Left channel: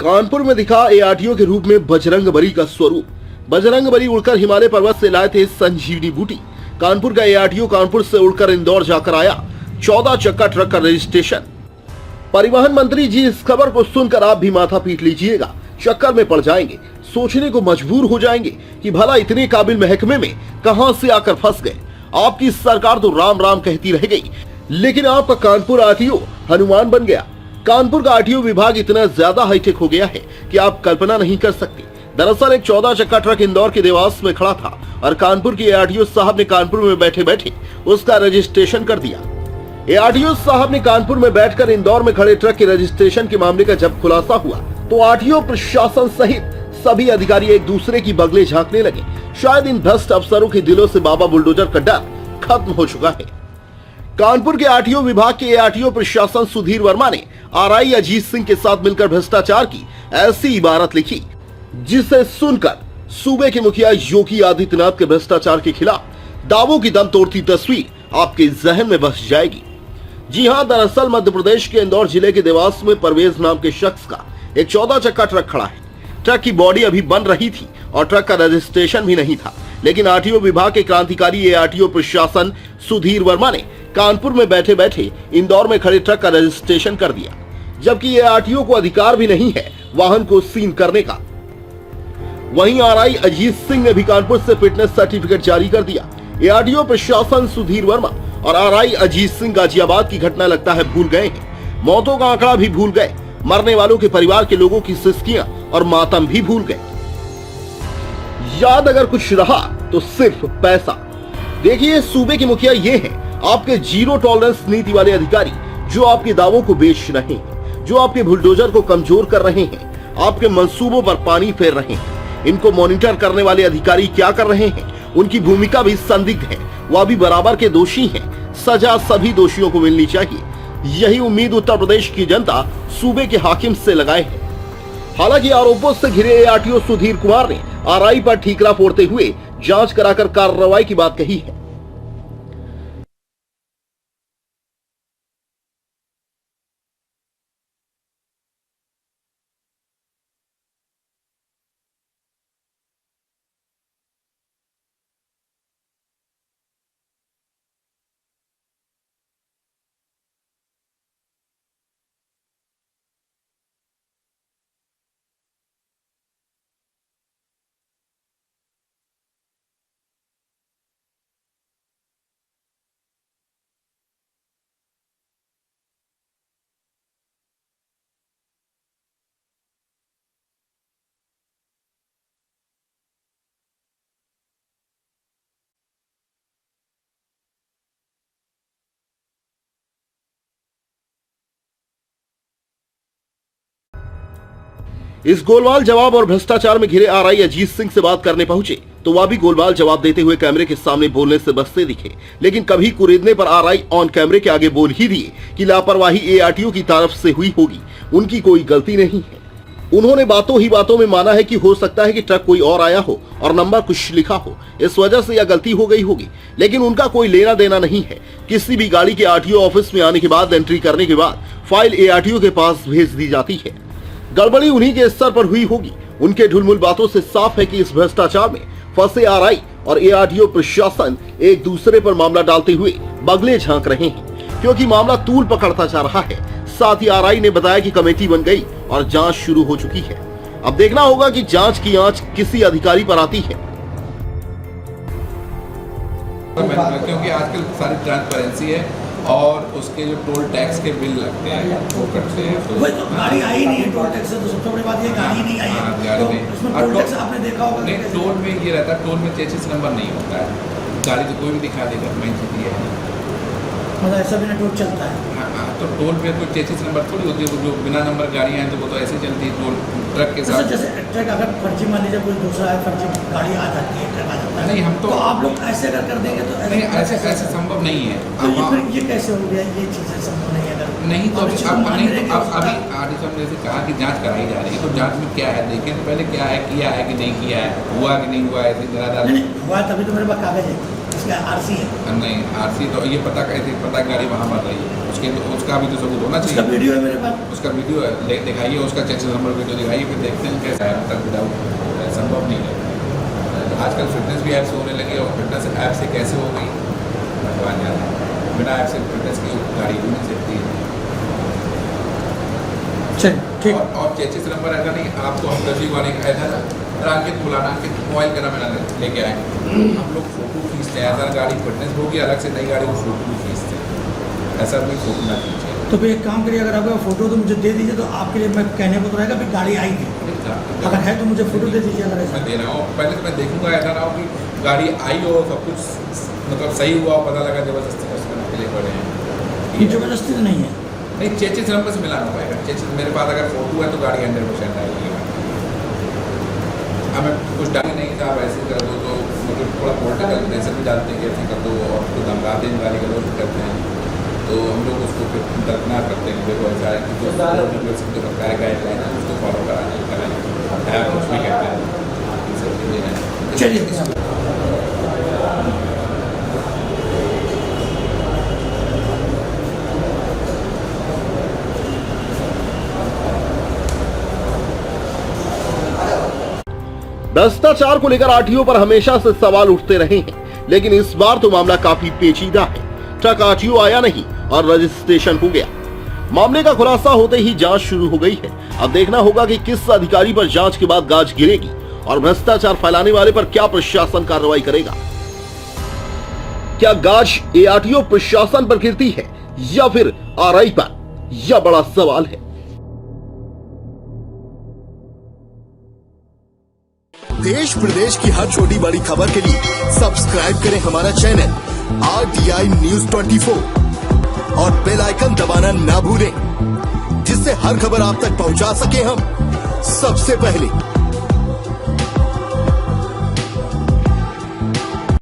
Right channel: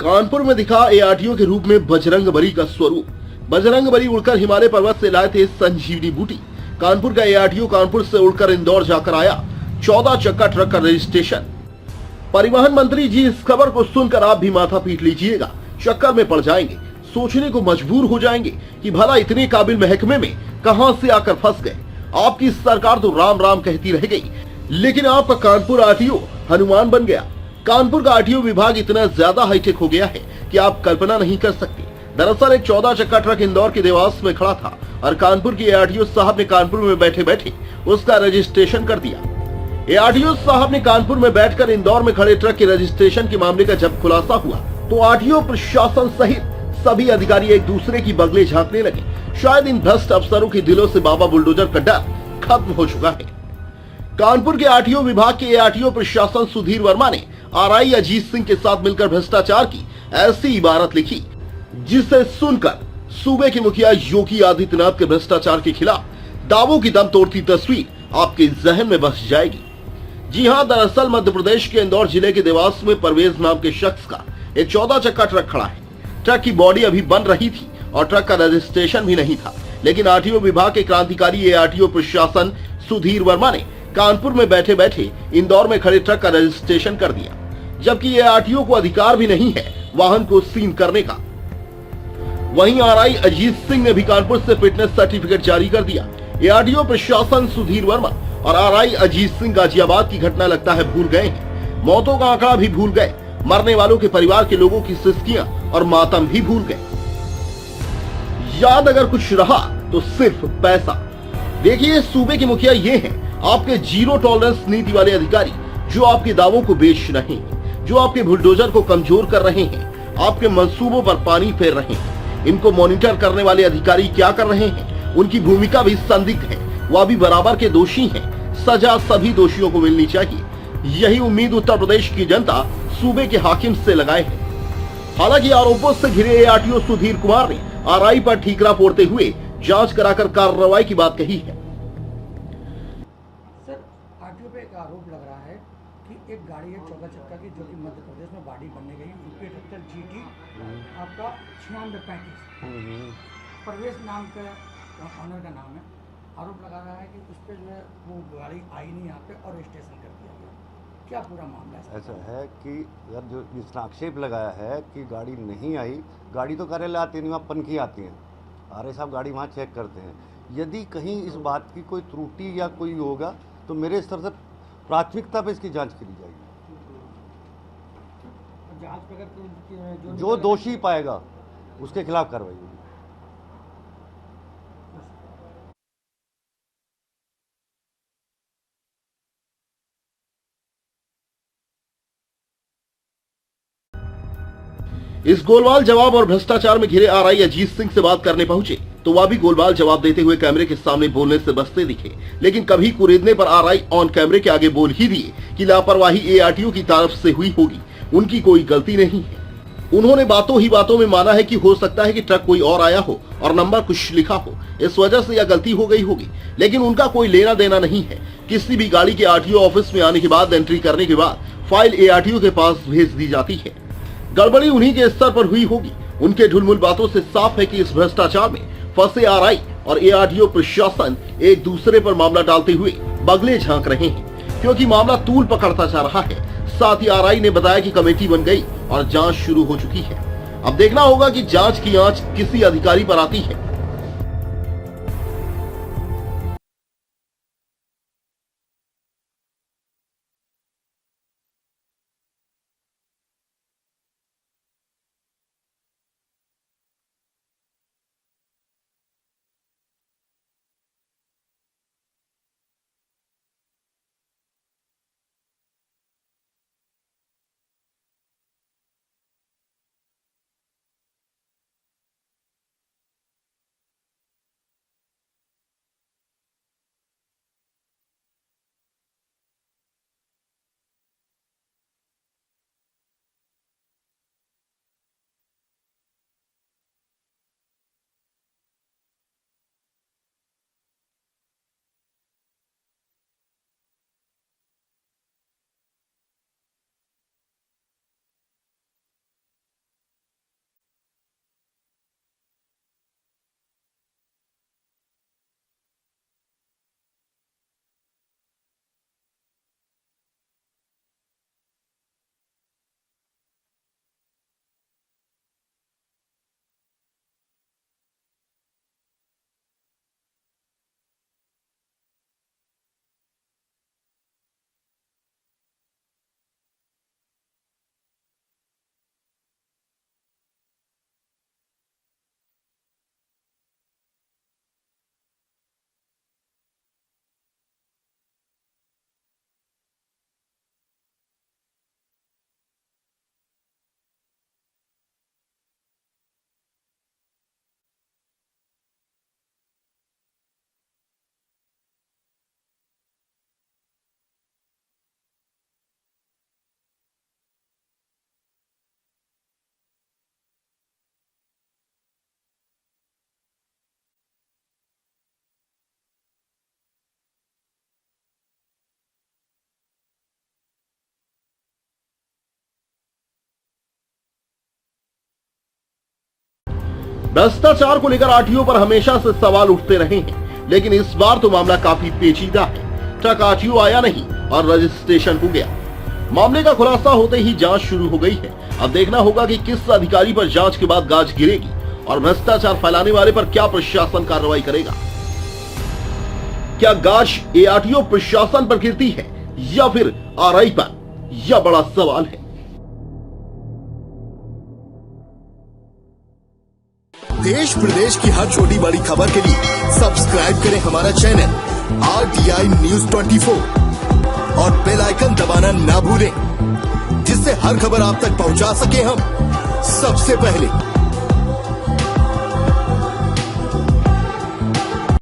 कानपुर में दिखा एआरटीओ के रूप में बजरंगबली का स्वरूप। बजरंगबली उड़कर हिमालय पर्वत से लाए थे संजीवनी बूटी। कानपुर का एआरटीओ कानपुर से उड़कर इंदौर जाकर आया 14 चक्का ट्रक का रजिस्ट्रेशन। परिवहन मंत्री जी, इस खबर को सुनकर आप भी माथा पीट लीजिएगा, चक्कर में पड़ जाएंगे, सोचने को मजबूर हो जाएंगे कि भला इतने काबिल महकमे में कहां से आकर फंस गए। आपकी सरकार तो राम राम कहती रह गई, लेकिन आपका कानपुर आरटीओ हनुमान बन गया। कानपुर का आरटीओ विभाग इतना ज्यादा हाईटेक हो गया है कि आप कल्पना नहीं कर सकते। दरअसल एक 14 चक्का ट्रक इंदौर के देवास में खड़ा था और कानपुर के एआरटीओ साहब ने कानपुर में बैठे बैठे उसका रजिस्ट्रेशन कर दिया। एआरटीओ साहब ने कानपुर में बैठकर इंदौर में खड़े ट्रक के रजिस्ट्रेशन के मामले का जब खुलासा हुआ तो आरटीओ प्रशासन सहित सभी अधिकारी एक दूसरे की बगले झांकने लगे। शायद इन भ्रष्ट अफसरों के दिलों से बाबा बुलडोजर का डर खत्म हो चुका है। कानपुर के आरटीओ विभाग के एआरटीओ प्रशासन सुधीर वर्मा ने आरआई अजीत सिंह के साथ मिलकर भ्रष्टाचार की ऐसी इबारत लिखी जिसे सुनकर सूबे के मुखिया योगी आदित्यनाथ के भ्रष्टाचार के खिलाफ दावों की दम तोड़ती तस्वीर आपके जहन में बस जाएगी। जी हां, दरअसल मध्य प्रदेश के इंदौर जिले के देवास में परवेज नाम के शख्स का एक 14 चक्का ट्रक खड़ा है। ट्रक की बॉडी अभी बन रही थी और ट्रक का रजिस्ट्रेशन भी नहीं था, लेकिन आरटीओ विभाग के क्रांतिकारी एआरटीओ प्रशासन सुधीर वर्मा ने कानपुर में बैठे बैठे इंदौर में खड़े ट्रक का रजिस्ट्रेशन कर दिया, जबकि एआरटीओ को अधिकार भी नहीं है वाहन को सील करने का। वहीं आरआई अजीत सिंह ने भी कानपुर से फिटनेस सर्टिफिकेट जारी कर दिया। एआरटीओ प्रशासन सुधीर वर्मा और आरआई अजीत सिंह गाजियाबाद की घटना लगता है भूल गए हैं। मौतों का आंकड़ा भी भूल गए, मरने वालों के परिवार के लोगों की सिसकियां और मातम भी भूल गए। याद अगर कुछ रहा तो सिर्फ पैसा। देखिए, सूबे के मुखिया ये हैं आपके जीरो टॉलरेंस नीति वाले अधिकारी, जो आपके दावों को बेच रहे हैं, जो आपके बुलडोजर को कमजोर कर रहे हैं, आपके मंसूबों पर पानी फेर रहे हैं। इनको मॉनिटर करने वाले अधिकारी क्या कर रहे हैं, उनकी भूमिका भी संदिग्ध है, वह भी बराबर के दोषी हैं। सजा सभी दोषियों को मिलनी चाहिए, यही उम्मीद उत्तर प्रदेश की जनता सूबे के हाकिम से लगाए है। हालांकि आरोपों से घिरे एआरटीओ सुधीर कुमार ने आरआई पर ठीकरा फोड़ते हुए जांच कराकर कार्रवाई की बात कही है। सर, आरटीओ पे एक आरोप लग रहा है कि एक गाड़ी है 14 चक्का की, जो कि मध्य प्रदेश में बॉडी बनने गई, यूपी 78 GT आपका 9635 परवेश नाम का ऑनर का नाम है। आरोप लगा रहा है कि उस पर जो है वो गाड़ी आई नहीं यहाँ पे और रजिस्ट्रेशन कर दिया गया। क्या पूरा मामला है? ऐसा है कि अगर जो जिसने आक्षेप लगाया है कि गाड़ी नहीं आई, गाड़ी तो कार्यालय आती नहीं, वहाँ पनखी आती है, आरआई साहब गाड़ी वहाँ चेक करते हैं। यदि कहीं इस बात की कोई त्रुटि या कोई होगा तो मेरे स्तर से प्राथमिकता पे इसकी जांच की जाएगी। जांच पे अगर जो दोषी पाएगा उसके खिलाफ कार्रवाई होगी। इस गोलमाल जवाब और भ्रष्टाचार में घिरे आरआई अजीत सिंह से बात करने पहुंचे तो वह भी गोलमाल जवाब देते हुए कैमरे के सामने बोलने से बचते दिखे, लेकिन कभी कुरेदने पर आरआई ऑन कैमरे के आगे बोल ही दिए कि लापरवाही एआरटीओ की तरफ से हुई होगी, उनकी कोई गलती नहीं है। उन्होंने बातों ही बातों में माना है कि हो सकता है कि ट्रक कोई और आया हो और नंबर कुछ लिखा हो, इस वजह से यह गलती हो गई होगी, लेकिन उनका कोई लेना देना नहीं है। किसी भी गाड़ी के आरटीओ ऑफिस में आने के बाद एंट्री करने के बाद फाइल एआरटीओ के पास भेज दी जाती है। गड़बड़ी उन्हीं के स्तर पर हुई होगी। उनके ढुलमुल बातों से साफ है कि इस भ्रष्टाचार में फंसे आरआई और एआरटीओ प्रशासन एक दूसरे पर मामला डालते हुए बगले झांक रहे हैं, क्योंकि मामला तूल पकड़ता जा रहा है। साथ ही आरआई ने बताया कि कमेटी बन गई और जांच शुरू हो चुकी है। अब देखना होगा कि जांच की आंच किसी अधिकारी पर आती है। क्योंकि आजकल सारी ट्रांसपेरेंसी है और उसके जो टोल टैक्स के बिल लगते हैं वो कटते हैं। तो गाड़ी आई नहीं है, टोल टैक्स से तो सबसे बड़ी बात ये गाड़ी नहीं आई है। गाड़ी नहीं, टोल टैक्स आपने देखा होगा। नहीं, टोल में ये रहता है, टोल में चेसिस नंबर नहीं होता है, गाड़ी तो कोई भी दिखा देगा मैं है, मतलब ऐसा बिना टोल चलता है। हाँ, तो टोल पे कोई चेसिस नंबर थोड़ी होती है, जो बिना नंबर गाड़ियाँ हैं तो वो तो ऐसे चलती है टोल ट्रक के साथ। जैसे ट्रक अगर फर्जी मान लीजिए कोई दूसरा है, फर्जी गाड़ी आ जाती है, ट्रक आ जाता है, नहीं हम तो आप लोग ऐसे अगर कर देंगे तो नहीं, ऐसे संभव नहीं है। तो ये कैसे हो गया? ये चीज़ें संभव नहीं है अगर नहीं तो अभी अब नहीं तो अब अभी आरटीओ साहब ने जैसे कहा कि जांच कराई जा रही है, तो जांच में क्या है देखें तो पहले क्या है, किया है कि नहीं किया है, हुआ कि नहीं हुआ, ऐसे जरा हुआ तभी तो मेरे पास कागज है, इसका आरसी है। नहीं, आरसी तो ये पता कैसे पता गाड़ी वहाँ पर रही है, उसका भी तो सबूत होना उसका चाहिए। वीडियो है मेरे पास। उसका वीडियो है, दिखाइए उसका चेसिस नंबर वीडियो दिखाइए, फिर देखते हैं कैसा है। तक विदाउट संभव नहीं है। आजकल फिटनेस भी ऐप्स होने लगी और फिटनेस ऐप से कैसे हो गई भगवान जाने। बिना ऐप से फिटनेस की गाड़ी भी नहीं सकती है। चल ठीक। और चेसिस नंबर ऐसा नहीं, आपको हम रजी वाले ऐसा अंकित बुलाना, अंकित मोबाइल का नाम लेके आए, हम लोग फोटो खींचते हैं। ऐसा गाड़ी फिटनेस होगी अलग से, नई गाड़ी को फोटो खींचते हैं, ऐसा कोई फोटो ना खींचे। तो फिर एक काम करिए, अगर आपका फोटो तो मुझे दे दीजिए, तो आपके लिए मैं कहने को तो रहेगा फिर गाड़ी आई थी, अगर है तो मुझे फोटो दे दीजिए। अगर ऐसा मैं दे रहा हूँ, पहले तो मैं देखूंगा, ऐसा ना हो कि गाड़ी आई हो सब कुछ मतलब सही हुआ, पता लगा जबरदस्ती कस्टमर के लिए पड़े हैं। ये जबरदस्ती तो नहीं है। नहीं, चेसिस नंबर से मिलाना पड़ेगा। चेसिस मेरे पास अगर फोटो है तो गाड़ी 100% आएगी। हमें कुछ डाल नहीं था, वैसे कर दो तो मतलब थोड़ा पॉलिटिकल प्रेशर भी डालते हैं कि ऐसे कर दो, और तो धमकाते हैं, गाली गलौज करते हैं, तो हम लोग उसको फिर दरकिनार करते हैं। देखो ऐसा है कि जो सरकार गाइडलाइन है उसको फॉलो कराने कुछ भी कहते हैं, ये सब चीज़ें हैं। चलिए। 'भ्रष्टाचार' को लेकर आरटीओ पर हमेशा से सवाल उठते रहे हैं, लेकिन इस बार तो मामला काफी पेचीदा है। ट्रक आरटीओ आया नहीं और रजिस्ट्रेशन हो गया। मामले का खुलासा होते ही जांच शुरू हो गई है। अब देखना होगा कि किस अधिकारी पर जांच के बाद गाज गिरेगी और भ्रष्टाचार फैलाने वाले पर क्या प्रशासन कार्रवाई करेगा। क्या गाज एआरटीओ प्रशासन पर गिरती है या फिर आरआई पर, यह बड़ा सवाल है। देश प्रदेश की हर छोटी बड़ी खबर के लिए सब्सक्राइब करें हमारा चैनल RTI News 24 और बेल आइकन दबाना ना भूलें, जिससे हर खबर आप तक पहुंचा सके हम सबसे पहले।